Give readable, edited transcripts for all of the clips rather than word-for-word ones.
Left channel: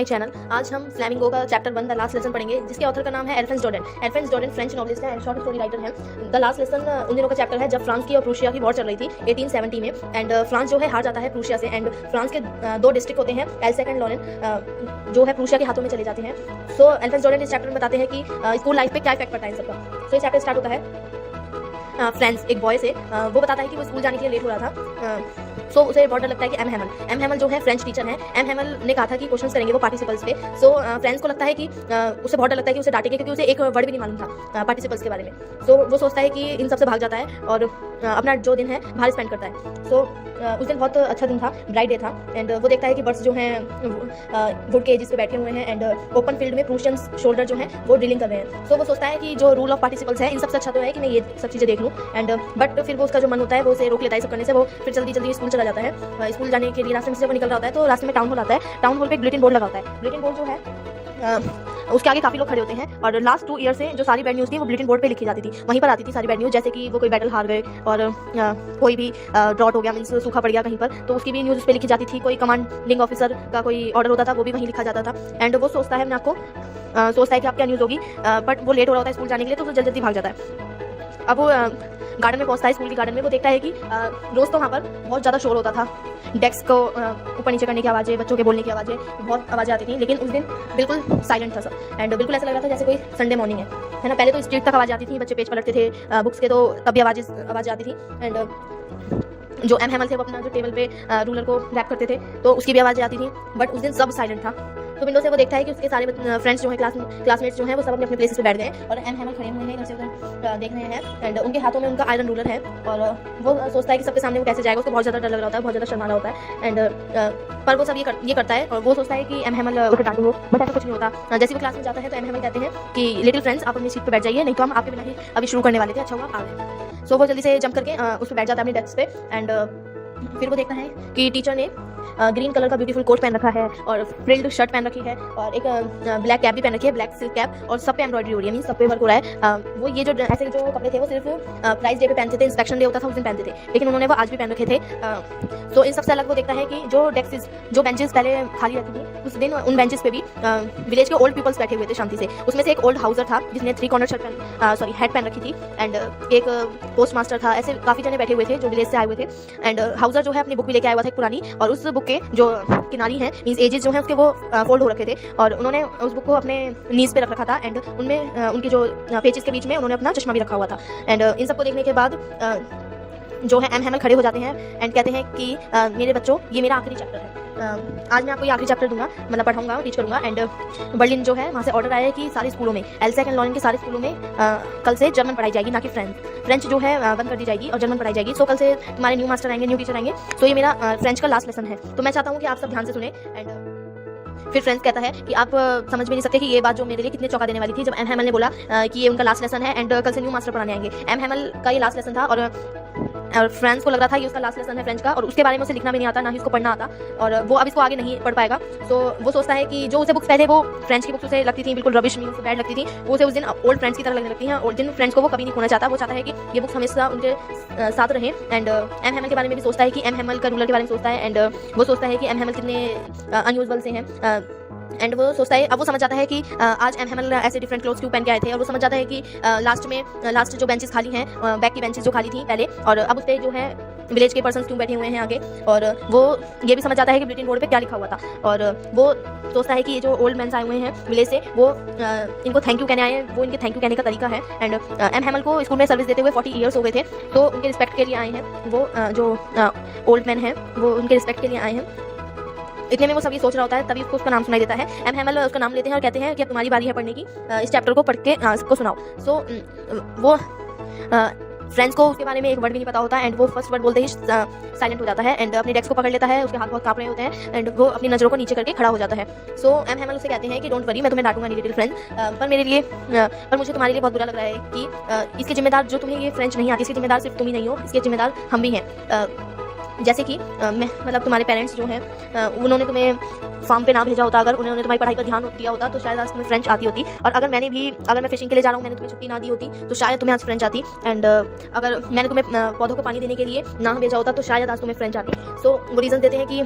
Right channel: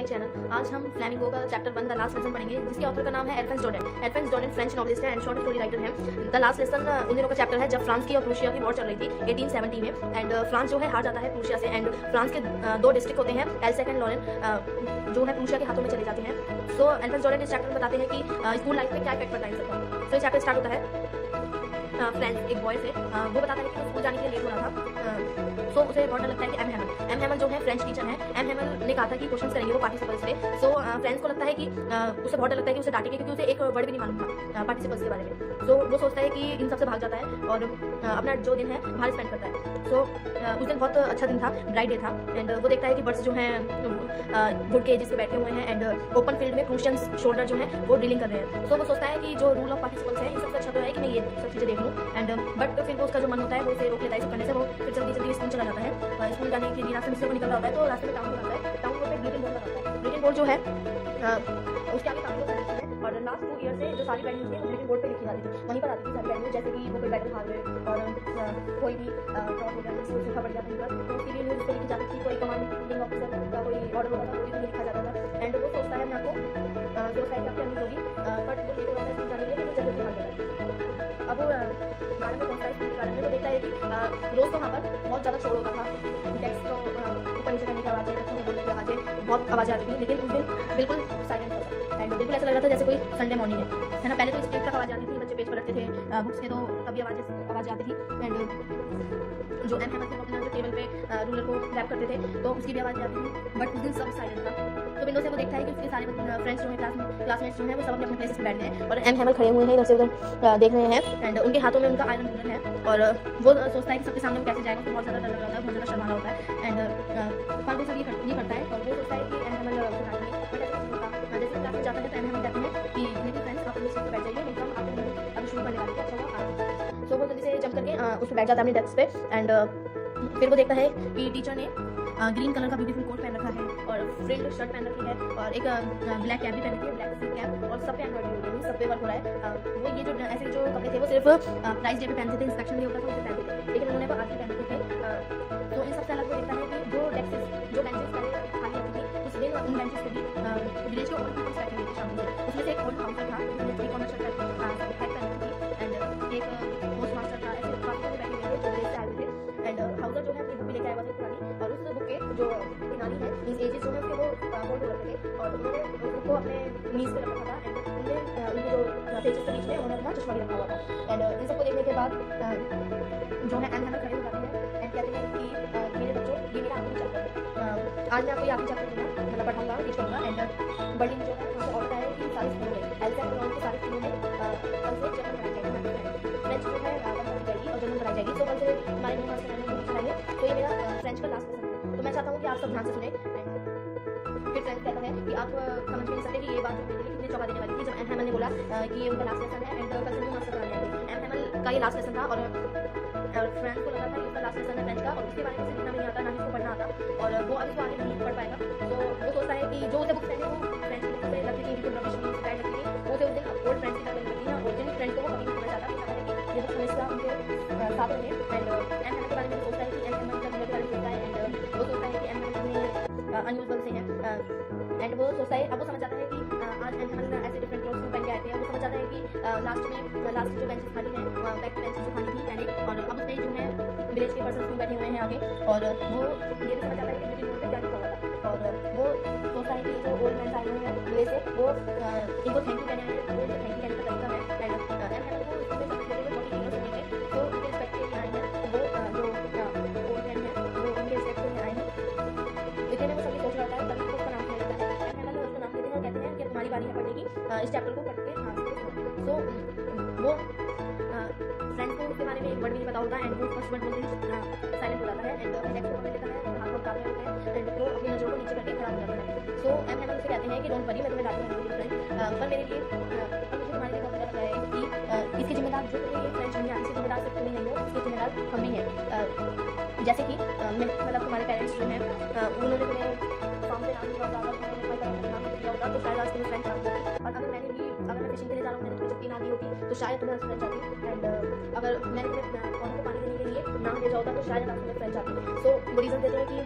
My channel. आज हम flamingo का चैप्टर 1 द लास्ट लेसन पढ़ेंगे, जिसके ऑथर का नाम है एल्फेंस जॉर्डन। एल्फेंस जॉर्डन फ्रेंच नॉवलिस्ट है एंड शॉर्ट स्टोरी राइटर है। द लास्ट लेसन उन दिनों का चैप्टर है जब फ्रांस की और प्रूशिया की वॉर चल रही थी 1870 में, एंड फ्रांस जो है हार जाता है प्रूशिया से, एंड फ्रांस के दो डिस्ट्रिक्ट होते हैं एल्सेक एंड लॉरेन जो है प्रूशिया के हाथों में चले जाते हैं। सो एल्फेंस जॉर्डन इस चैप्टर में बताते हैं कि स्कूल लाइफ पे क्या इफेक्ट पड़ता है इन सबका। तो ये चैप्टर स्टार्ट होता है फ्रेंड्स एक बॉय से। वो बताता है कि वो स्कूल जाने के लिए लेट हो रहा था। सो उसे बहुत डर लगता है कि एम हैमल जो है फ्रेंच टीचर है। एम हैमल ने कहा था कि क्वेश्चंस करेंगे वो पार्टिसिपल्स पे। सो फ्रेंड्स को लगता है कि उसे बहुत डर लगता है कि उसे डांटेंगे, क्योंकि उसे एक वर्ड भी नहीं मालूम था पार्टिसिपल्स के बारे में। सो वो सोचता है कि इन सबसे भाग जाता है और अपना जो दिन है बाहर स्पेंड करता है। सो उस दिन बहुत अच्छा दिन था, ब्राइट डे था, एंड वो देखता है कि बर्ड्स जो हैं वुड के एजिस पे बैठे हुए हैं एंड ओपन फील्ड में प्रूशियंस शोल्डर जो है वो ड्रिलिंग कर रहे हैं। सो वो सोचता है कि जो रूल ऑफ पार्टिसिपल्स है इन सबसे अच्छा तो है कि मैं ये सब चीज़ें देख लूँ, एंड बट फिर वो उसका जो मन होता है वो उसे रोक लेता है सब करने से। वो फिर जल्दी जल्दी स्कूल चला जाता है। स्कूल जाने के लिए रास्ते में से जब निकल रहा होता है तो रास्ते में टाउन हॉल आता है। टाउन हॉल पे एक बुलेटिन बोर्ड लगा होता है। बुलेटिन बोर्ड जो है उसके आगे काफ़ी लोग खड़े होते हैं, और लास्ट 2 ईयर से जो सारी बैड न्यूज़ थी वो बुलेटिन बोर्ड पे लिखी जाती थी। वहीं पर आती थी सारी बैड न्यूज़, जैसे कि वो कोई बैटल हार गए और कोई भी ड्रॉट हो गया, मीन्स सूखा पड़ गया कहीं पर, तो उसकी भी न्यूज़ उस पर लिखी जाती थी। कोई कमांडिंग ऑफिसर का कोई ऑर्डर होता था वो भी वहीं लिखा जाता था। एंड वो सोचता है अपने आप को सोचता है कि अब क्या न्यूज़ होगी, बट वो लेट हो रहा होता है स्कूल जाने के लिए, तो वो जल्दी जल्दी भाग जाता है। अब वो गार्डन में पहुंचता है, स्कूल के गार्डन में। वो देखता है कि रोज़ तो वहाँ पर बहुत ज़्यादा शोर होता था, डेस्क को ऊपर नीचे करने की आवाज़ें, बच्चों के बोलने की आवाज़ें, बहुत आवाज़ें आती थी। लेकिन उस दिन बिल्कुल साइलेंट था सब, एंड बिल्कुल ऐसा लग रहा था जैसे कोई संडे मॉर्निंग है ना। पहले तो स्ट्रीट तक आवाज़ आती थी, बच्चे पेज पलटते थे बुक्स के, तो तब भी आवाज़ें आती थी। एंड जो एम हैमल थे वो अपने जो टेबल पे रूलर को रैप करते थे, तो उसकी भी आवाज़ें आती थी, बट उस दिन सब साइलेंट था। तो विंडो से वो देखता है कि उसके सारे फ्रेंड्स जो हैं, क्लासमेट्स जो हैं, वो सब अपने अपने प्लेसेस पे बैठ गए हैं, और एम हैमल खड़े हुए हैं इधर से उधर देख रहे हैं, एंड उनके हाथों में उनका आयरन रूलर है। और वो सोचता है कि सबके सामने वो कैसे जाएगा, उसको बहुत ज़्यादा डर लग रहा होता है, बहुत ज़्यादा शर्मा रहा होता है। एंड पर वो सब ये करता है, और वो सोचता है कि एम हैमल उसे डांटेंगे, बट ऐसा कुछ नहीं होता। जैसे वो क्लास में जाता है तो एम हैमल कहते हैं कि लिटिल फ्रेंड्स आप अपनी सीट पर बैठ जाइए, नहीं तो हम आपके बिना ही अभी शुरू करने वाले थे, अच्छा हुआ आ गए। सो वो जल्दी से जंप करके उस पर बैठ जाता है अपनी डेस्क पे। एंड फिर वो देखता है कि टीचर ने ग्रीन कलर का ब्यूटीफुल कोट पहन रखा है, और फ्रिल्ड शर्ट पहन रखी है, और एक ब्लैक कैप भी पहन रखी है, ब्लैक सिल्क कैप, और सब पे एम्ब्रॉयडरी हो रही है, मीन सब पे वर्क हो रहा है। वो ये जो ऐसे जो कपड़े थे वो सिर्फ प्राइस डे पे पहनते थे, इंस्पेक्शन डे होता था उस दिन पहनते थे, लेकिन उन्होंने वो आज भी पहन रखे थे। तो इन सबसे अलग वो देखता है कि जो डेस्क जो बेंचेस पहले खाली रहती थी, उस दिन उन बेंचेस पे भी विलेज के ओल्ड पीपल्स बैठे हुए थे शांति से। उसमें से एक ओल्ड हाउसर था जिसने 3 कॉर्नर हैट पहन रखी थी, एंड एक पोस्ट मास्टर था। ऐसे काफ़ी जने बैठे हुए थे जो विलेज से आए हुए थे। एंड हाउसर जो है अपनी बुक भी लेके आया हुआ था एक पुरानी, और उस बुक के जो किनारी हैं, मींस एजेस जो हैं उसके वो फोल्ड हो रखे थे, और उन्होंने उस बुक को अपने नीज पे रख रखा था, एंड उनमें उनकी जो पेजेस के बीच में उन्होंने अपना चश्मा भी रखा हुआ था। एंड इन सबको देखने के बाद जो है एम हैमल खड़े हो जाते हैं एंड कहते हैं कि मेरे बच्चों ये मेरा आखिरी चैप्टर है। आज मैं आपको ये आखिरी चैप्टर दूंगा, मतलब पढ़ाऊंगा, टीच करूंगा। एंड बर्लिन जो है वहाँ से ऑर्डर आया है कि सारे स्कूलों में, एल्सेक एंड लॉरेन के सारे स्कूलों में कल से जर्मन पढ़ाई जाएगी, ना कि फ्रेंच जो है बंद कर दी जाएगी और जर्मन पढ़ाई जाएगी। सो कल से तुम्हारे न्यू मास्टर आएंगे, न्यू टीचर आएंगे। सो ये मेरा फ्रेंच का लास्ट लेसन है, तो मैं चाहता हूँ कि आप सब ध्यान से सुने। एंड फिर फ्रेंड्स कहता है कि आप समझ भी नहीं सकते कि ये बात जो मेरे लिए कितने चौंका देने वाली थी, जब एम हैमल ने बोला कि ये उनका लास्ट लेसन है एंड कल से न्यू मास्टर पढ़ाने आएंगे। एम हैमल का ये लास्ट लेसन था, और फ्रेंड्स को लग रहा था कि उसका लास्ट लेसन है फ्रेंच का, और उसके बारे में उसे लिखना भी नहीं आता, ना ही उसको पढ़ना आता, और वो अब इसको आगे नहीं पढ़ पाएगा। तो वो सोचता है कि जो उसे बुक्स पहले वो फ्रेंच की बुक्स उसे लगती थी बिल्कुल रबिश, मीन्स बैड लगती थी, वो उसे उस दिन ओल्ड फ्रेंड्स की तरह लगने लगती हैं, और जिन फ्रेंड्स को वो कभी नहीं खोना चाहता। वो चाहता है कि ये बुक्स हमेशा उनके साथ रहें। एंड एम हैमल के बारे में भी सोचता है कि एम हैमल का रूलर के बारे में सोचता है, एंड वो सोचता है कि एम हैमल कितने अनयूजुअल से हैं। एंड वो सोचता है, अब वो समझ जाता है कि आज एम हैमल ऐसे डिफरेंट क्लोथ्स क्यों पहन के आए थे, और वो समझ जाता है कि लास्ट जो बेंचेस खाली हैं, बैक की बेंचेस जो खाली थी पहले, और अब उस पर जो है विलेज के पर्सन क्यों बैठे हुए हैं आगे। और वो ये भी समझ जाता है कि बुलेटिन बोर्ड पे क्या लिखा हुआ था, और वो सोचता है कि ये जो ओल्ड मैंस आए हुए हैं विलेज से, वो इनको थैंक यू कहने आए हैं, वो इनके थैंक यू कहने का तरीका है। एंड एम हैमल को स्कूल में सर्विस देते हुए 40 ईयर्स हो गए थे, तो उनके रिस्पेक्ट के लिए आए हैं। वो जो ओल्ड मैन हैं वो उनके रिस्पेक्ट के लिए आए हैं। इतने में वो सब ये सोच रहा होता है, तभी उसका नाम सुनाई देता है। एम हैमल उसका नाम लेते हैं और कहते हैं कि अब तुम्हारी बारी है पढ़ने की, इस चैप्टर को पढ़ के इसको सुनाओ। सो वो फ्रेंड्स को उसके बारे में एक वर्ड भी नहीं पता होता, एंड वो फर्स्ट वर्ड बोलते ही साइलेंट हो जाता है, एंड अपनी डेस्क को पकड़ लेता है, उसके हाथ बहुत कांप रहे होते हैं, एंड वो अपनी नज़रों को नीचे करके खड़ा हो जाता है। सो एम हैमल उसे कहते हैं कि डोंट वरी, मैं तुम्हें डांटूंगा नहीं लिटिल फ्रेंड, पर मुझे तुम्हारे लिए बहुत बुरा लग रहा है कि इसके जिम्मेदार जो तुम्हें ये फ्रेंच नहीं आती, इसके जिम्मेदार सिर्फ तुम ही नहीं हो, इसके जिम्मेदार हम भी हैं। जैसे कि मैं मतलब तुम्हारे पेरेंट्स जो हैं उन्होंने तुम्हें फार्म पे ना भेजा होता, अगर उन्होंने तुम्हारी पढ़ाई पर ध्यान दिया होता तो शायद आज तुम्हें फ्रेंच आती होती। और अगर मैं फिशिंग के लिए जा रहा हूँ, मैंने तुम्हें छुट्टी ना दी होती तो शायद तुम्हें आज फ्रेंच आती। एंड अगर मैंने तुम्हें पौधों को पानी देने के लिए ना भेजा होता तो शायद आज तुम्हें फ्रेंच आती। सो वो रीज़न देते हैं कि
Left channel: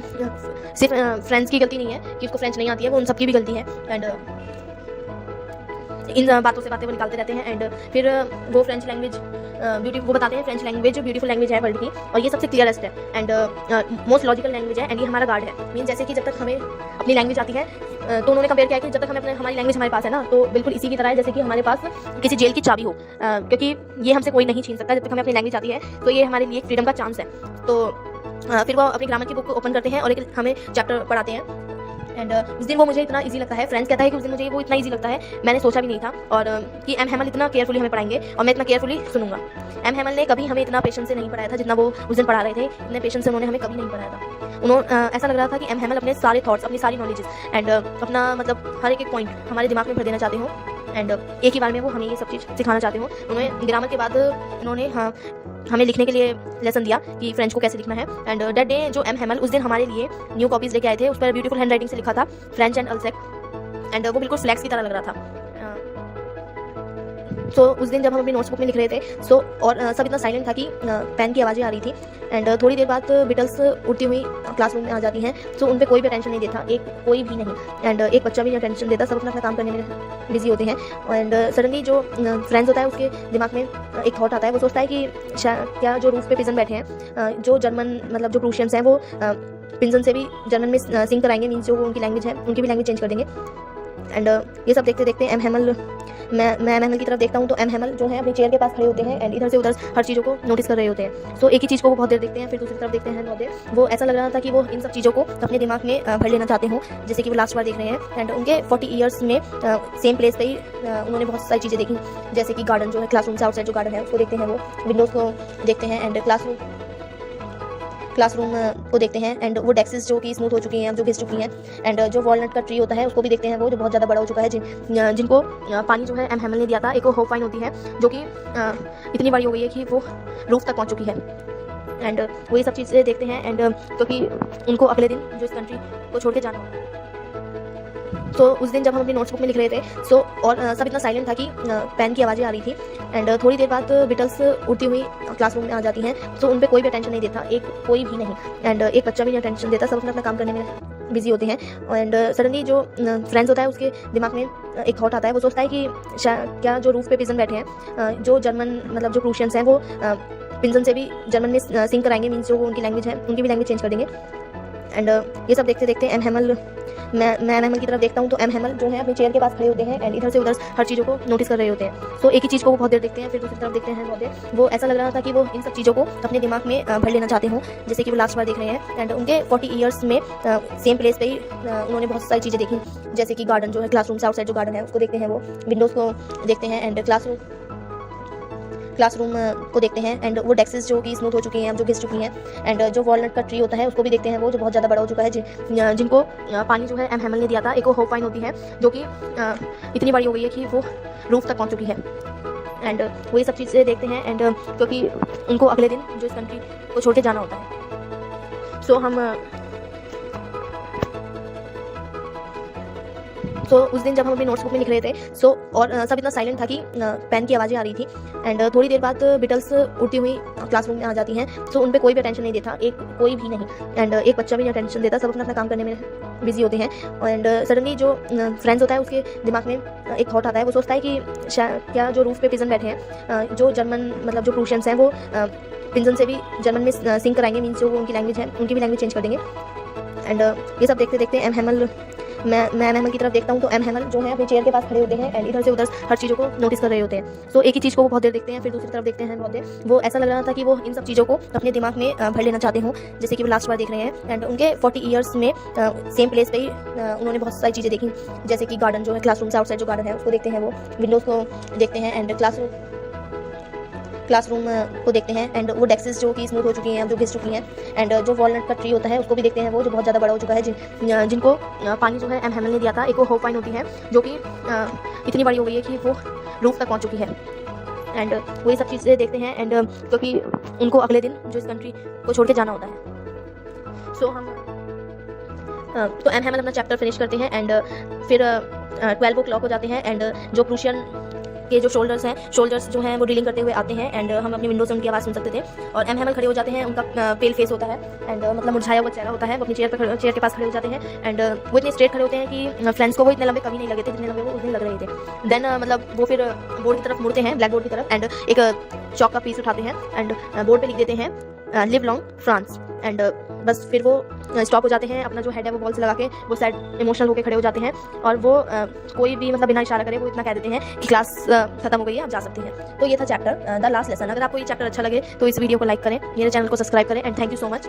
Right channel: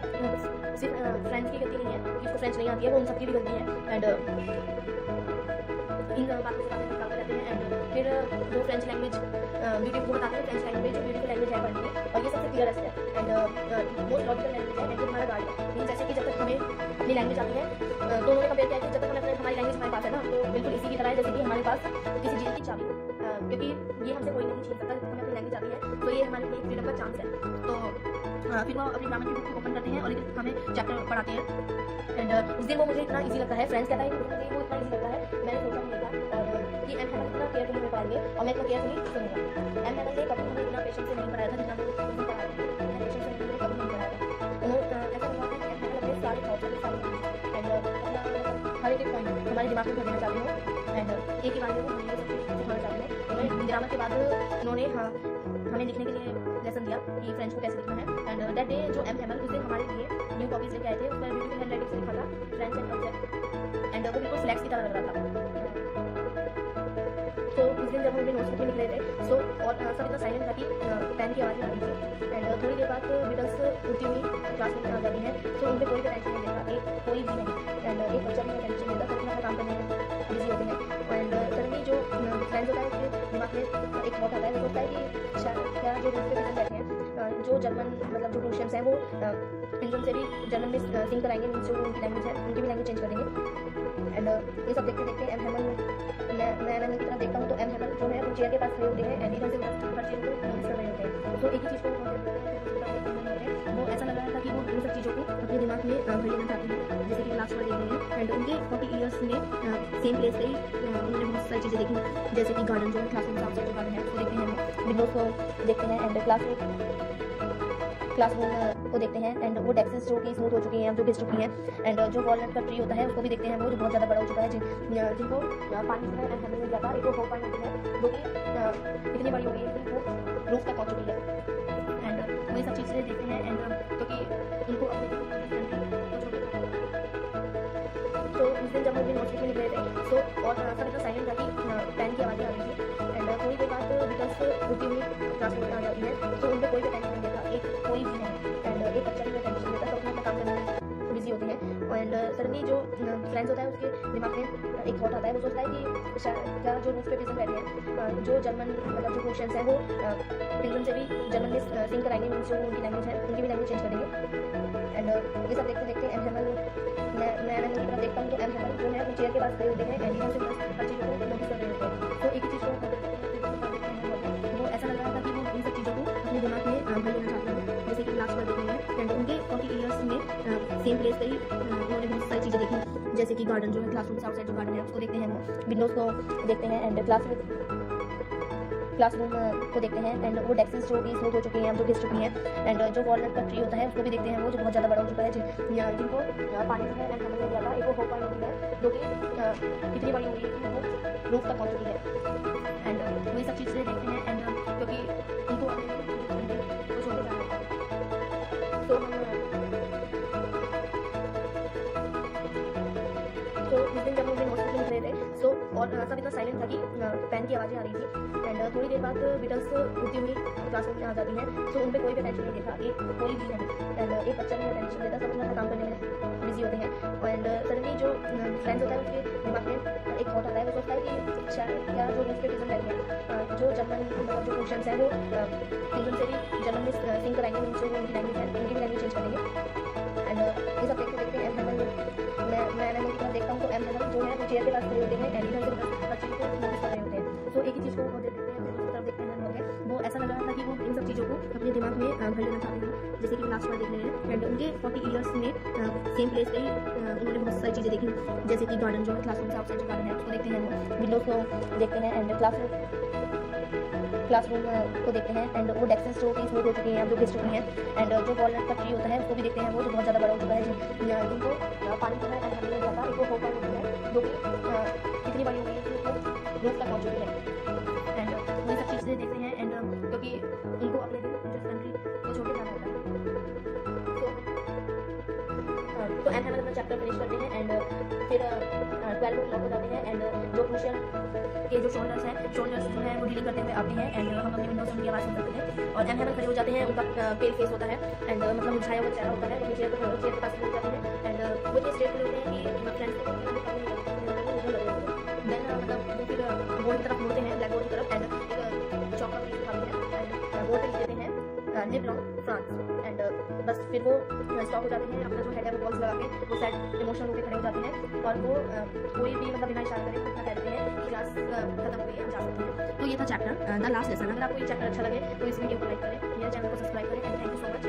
सिर्फ फ्रेंड्स की गलती नहीं है कि उसको फ्रेंच नहीं आती है, वो उन सबकी भी गलती है। एंड इन बातों से बातें वो निकालते रहते हैं। एंड फिर वो फ्रेंच लैंग्वेज वो बताते हैं फ्रेंच लैंग्वेज ब्यूटीफुल लैंग्वेज है वर्ल्ड की, और ये सबसे क्लियरेस्ट है एंड मोस्ट लॉजिकल लैंग्वेज है। एंड ये हमारा गार्ड है। मीन जैसे कि जब तक हमें अपनी लैंग्वेज आती है तो उन्होंने कंपेयर किया कि जब तक हमारी लैंग्वेज हमारे पास है ना, तो बिल्कुल इसी की तरह है जैसे कि हमारे पास किसी जेल की चाबी हो, क्योंकि ये हमसे कोई नहीं छीन सकता। जब तक हमें अपनी लैंग्वेज आती है तो ये हमारे लिए फ्रीडम का चांस है। तो फिर वो अपनी ग्रामर की बुक ओपन करते हैं और एक हमें चैप्टर पढ़ाते हैं। एंड उस दिन वो मुझे इतना इजी लगता है, फ्रेंड्स कहता है कि उस दिन मुझे वो इतना इजी लगता है, मैंने सोचा भी नहीं था। और कि एम हैमल इतना केयरफुली हमें पढ़ाएंगे और मैं इतना केयरफुली सुनूंगा। एम हैमल ने कभी हमें इतना पेशेंस से नहीं पढ़ाया था जितना वो उस दिन पढ़ा रहे थे। इतने पेशेंस से उन्होंने हमें कभी नहीं पढ़ाया था। उन्होंने ऐसा लग रहा था कि एम हैमल अपने सारे थॉट्स, अपनी सारी नॉलेजेस एंड अपना मतलब हर एक पॉइंट हमारे दिमाग में भर देना चाहते हो। एंड एक ही बार में वो हमें ये सब चीज़ सिखाना चाहते हो। उन्होंने ग्रामर के बाद उन्होंने हमें लिखने के लिए लेसन दिया कि फ्रेंच को कैसे लिखना है। एंड दैट डे जो एम हैमल उस दिन हमारे लिए न्यू कॉपीज लेके आए थे, उस पर ब्यूटीफुल हैंड राइटिंग से लिखा था फ्रेंच एंड अल्सेक। एंड वो बिल्कुल फ्लैक्स की तरह लग रहा था। सो उस दिन जब हम अपनी नोट्सबुक में लिख रहे थे और सब इतना साइलेंट था कि पेन की आवाज़ें आ रही थी। एंड थोड़ी देर बाद बिटल्स उड़ती हुई क्लासरूम में आ जाती हैं। सो उन पर कोई भी अटेंशन नहीं देता, कोई भी नहीं। एंड एक बच्चा भी नहीं अटेंशन देता, सब अपना काम करने में बिजी होते हैं। एंड सडनली जो फ्रेंड्स होता है उसके दिमाग में एक थॉट आता है। वो सोचता है कि क्या जो रूफ पे पिजन बैठे हैं, जो जर्मन मतलब जो प्रूशियंस हैं, वो पिंजन से भी जर्मन में सिंग कराएंगे। मीन्स जो उनकी लैंग्वेज है उनकी भी लैंग्वेज चेंज कर देंगे। एंड ये सब देखते देखते एम हैमल मैं एम हैमल की तरफ देखता हूँ तो एम हैमल जो है अपनी चेयर के पास खड़े होते हैं एंड इधर से उधर हर चीज़ों को नोटिस कर रहे होते हैं। सो एक ही चीज़ को वो बहुत देर देखते हैं, फिर दूसरी तरफ देखते हैं बहुत देर। वो ऐसा लग रहा था कि वो इन सब चीज़ों को अपने दिमाग में भर लेना चाहते हो, जैसे कि वो लास्ट बार देख रहे हैं। एंड उनके 40 ईयर्स में सेम प्लेस पे ही उन्होंने बहुत सारी चीज़ें देखी, जैसे कि गार्डन जो है, क्लासरूम से आउटसाइड जो गार्डन है उसको देखते हैं, वो विंडोज़ को देखते हैं एंड क्लासरूम को देखते हैं। एंड वो डेस्क्स जो कि स्मूथ हो चुकी हैं, जो घिस चुकी हैं। एंड जो वॉलनट का ट्री होता है उसको भी देखते हैं, वो जो बहुत ज़्यादा बड़ा हो चुका है, जिनको पानी जो है एम हैमल ने दिया था। एक वो होप वाइन होती है जो कि इतनी बड़ी हो गई है कि वो रूफ तक पहुंच चुकी है। एंड वो ये सब चीज़ें देखते हैं। एंड क्योंकि उनको अगले दिन जो इस कंट्री को छोड़ के जाना होगा। तो उस दिन जब हम अपनी नोट्सबुक में लिख रहे थे और सब इतना साइलेंट था कि पेन की आवाज़ें आ रही थी। एंड थोड़ी देर बाद बिटल्स उड़ती हुई क्लासरूम में आ जाती हैं। सो उन पर कोई भी अटेंशन नहीं देता, कोई भी नहीं। एंड एक बच्चा भी नहीं अटेंशन देता, सब अपना काम करने में बिजी होते हैं। एंड सडनली जो फ्रेंड्स होता है उसके दिमाग में एक थॉट आता है। वो सोचता है कि क्या जो रूफ पे पिजन बैठे हैं, जो जर्मन मतलब जो प्रूशियंस हैं, वो पिंजन से भी जर्मन में सिंग कराएंगे। मीन्स जो उनकी लैंग्वेज है उनकी भी लैंग्वेज चेंज कर देंगे। एंड ये सब देखते देखते एम हैमल मैं एम हैमल की तरफ देखता हूँ तो एम हैमल जो है अपनी चेयर के पास खड़े होते हैं एंड इधर से उधर हर चीज़ों को नोटिस कर रहे होते हैं। तो एक ही चीज़ को वो बहुत देर देखते हैं, फिर दूसरी तरफ देखते हैं बहुत देर। वो ऐसा लग रहा था कि वो इन सब चीज़ों को अपने दिमाग में भर लेना चाहते हो, जैसे कि वो लास्ट बार देख रहे हैं। एंड उनके 40 ईयर्स में सेम प्लेस पे ही उन्होंने बहुत सारी चीज़ें देखी, जैसे कि गार्डन जो है, क्लासरूम से आउटसाइड जो गार्डन है उसको देखते हैं, वो विंडोज़ को देखते हैं एंड क्लासरूम को देखते हैं। एंड वो डेस्क्स जो कि स्मूथ हो चुकी हैं, जो घिस चुकी हैं। एंड जो वॉलनट का ट्री होता है उसको भी देखते हैं, वो जो बहुत ज़्यादा बड़ा हो चुका है, जिनको पानी जो है एम हैमल ने दिया था। एक वो होप वाइन होती है जो कि इतनी बड़ी हो गई है कि वो रूफ तक पहुंच चुकी है। एंड वो ये सब चीज़ें देखते हैं। एंड क्योंकि उनको अगले दिन जो इस कंट्री को छोड़ के जाना होता है। सो उस दिन जब हम अपनी नोट्सबुक में लिख रहे थे और सब इतना साइलेंट था कि पेन की आवाज़ें आ रही थी। एंड थोड़ी देर बाद बिटल्स उड़ती हुई क्लासरूम में आ जाती हैं। सो उन पर कोई भी अटेंशन नहीं देता, कोई भी नहीं। एंड एक बच्चा भी नहीं अटेंशन देता, सब अपना काम करने में बिजी होते हैं। एंड सडनली जो फ्रेंड्स होता है उसके दिमाग में एक थॉट आता है। वो सोचता है कि क्या जो रूफ पे पिजन बैठे हैं, जो जर्मन मतलब जो प्रूशियंस हैं, वो पिंजन से भी जर्मन में सिंग कराएंगे। मीन्स जो उनकी लैंग्वेज है उनकी भी लैंग्वेज चेंज कर देंगे। एंड ये सब देखते देखते एम हैमल मैं एम हैमल की तरफ देखता हूँ तो एम हैमल जो है अपनी चेयर के पास खड़े होते हैं एंड इधर से उधर हर चीज़ों को नोटिस कर रहे होते हैं। सो एक ही चीज़ को वो बहुत देर देखते हैं, फिर दूसरी तरफ देखते हैं बहुत देर। वो ऐसा लग रहा था कि वो इन सब चीज़ों को अपने दिमाग में भर लेना चाहते हो, जैसे कि वो लास्ट बार देख रहे हैं। एंड उनके 40 ईयर्स में सेम प्लेस पे ही उन्होंने बहुत सारी चीज़ें देखी, जैसे कि गार्डन जो है, क्लासरूम से आउटसाइड जो गार्डन है उसको देखते हैं, वो विंडोज़ को देखते हैं एंड क्लासरूम को देखते हैं। एंड वो डेस्क्स जो कि स्मूथ हो चुकी हैं, जो घिस चुकी हैं। एंड जो वॉलनट का ट्री होता है उसको भी देखते हैं, वो जो बहुत ज़्यादा बड़ा हो चुका है, जिनको पानी जो है एम हैमल ने दिया था। एक वो होप वाइन होती है जो कि इतनी बड़ी हो गई है कि वो रूफ तक पहुंच चुकी है। एंड वो ये सब चीज़ें देखते हैं। एंड क्योंकि उनको अगले दिन जो इस कंट्री को छोड़ के जाना होता है। सो हम तो एम हैमल अपना चैप्टर फिनिश करते हैं एंड फिर 12 o'clock हो जाते हैं एंड जो प्रूशियन के जो शोल्जर्स जो हैं वो डीलिंग करते हुए आते हैं एंड हम अपनी विंडो से उनकी आवाज़ सुन सकते थे। और एम हैमल खड़े हो जाते हैं, उनका पेल फेस होता है एंड मतलब मुरझाया हुआ चेहरा होता है, वो अपनी चेयर के पास खड़े हो जाते हैं एंड वो इतने स्ट्रेट खड़े होते हैं कि फ्रेंड्स को वो इतने लंबे कभी नहीं लगे थे जितने लंबे वो उतने लग रहे थे। देन मतलब वो फिर बोर्ड की तरफ मुड़ते हैं, ब्लैक बोर्ड की तरफ, एंड एक चौक का पीस उठाते हैं एंड बोर्ड पे लिख देते हैं लिव लॉन्ग फ्रांस एंड बस फिर वो स्टॉप हो जाते हैं, अपना जो हेड है वो बॉल से लगा के वो सैड इमोशनल होकर खड़े हो जाते हैं और वो कोई भी मतलब बिना इशारा करे वो इतना कह देते हैं कि क्लास खत्म हो गई है, आप जा सकते हैं। तो ये था चैप्टर द लास्ट लेसन। अगर आपको ये चैप्टर अच्छा लगे तो इस वीडियो को लाइक करें, मेरे चैनल को सब्सक्राइब करें and thank you so much.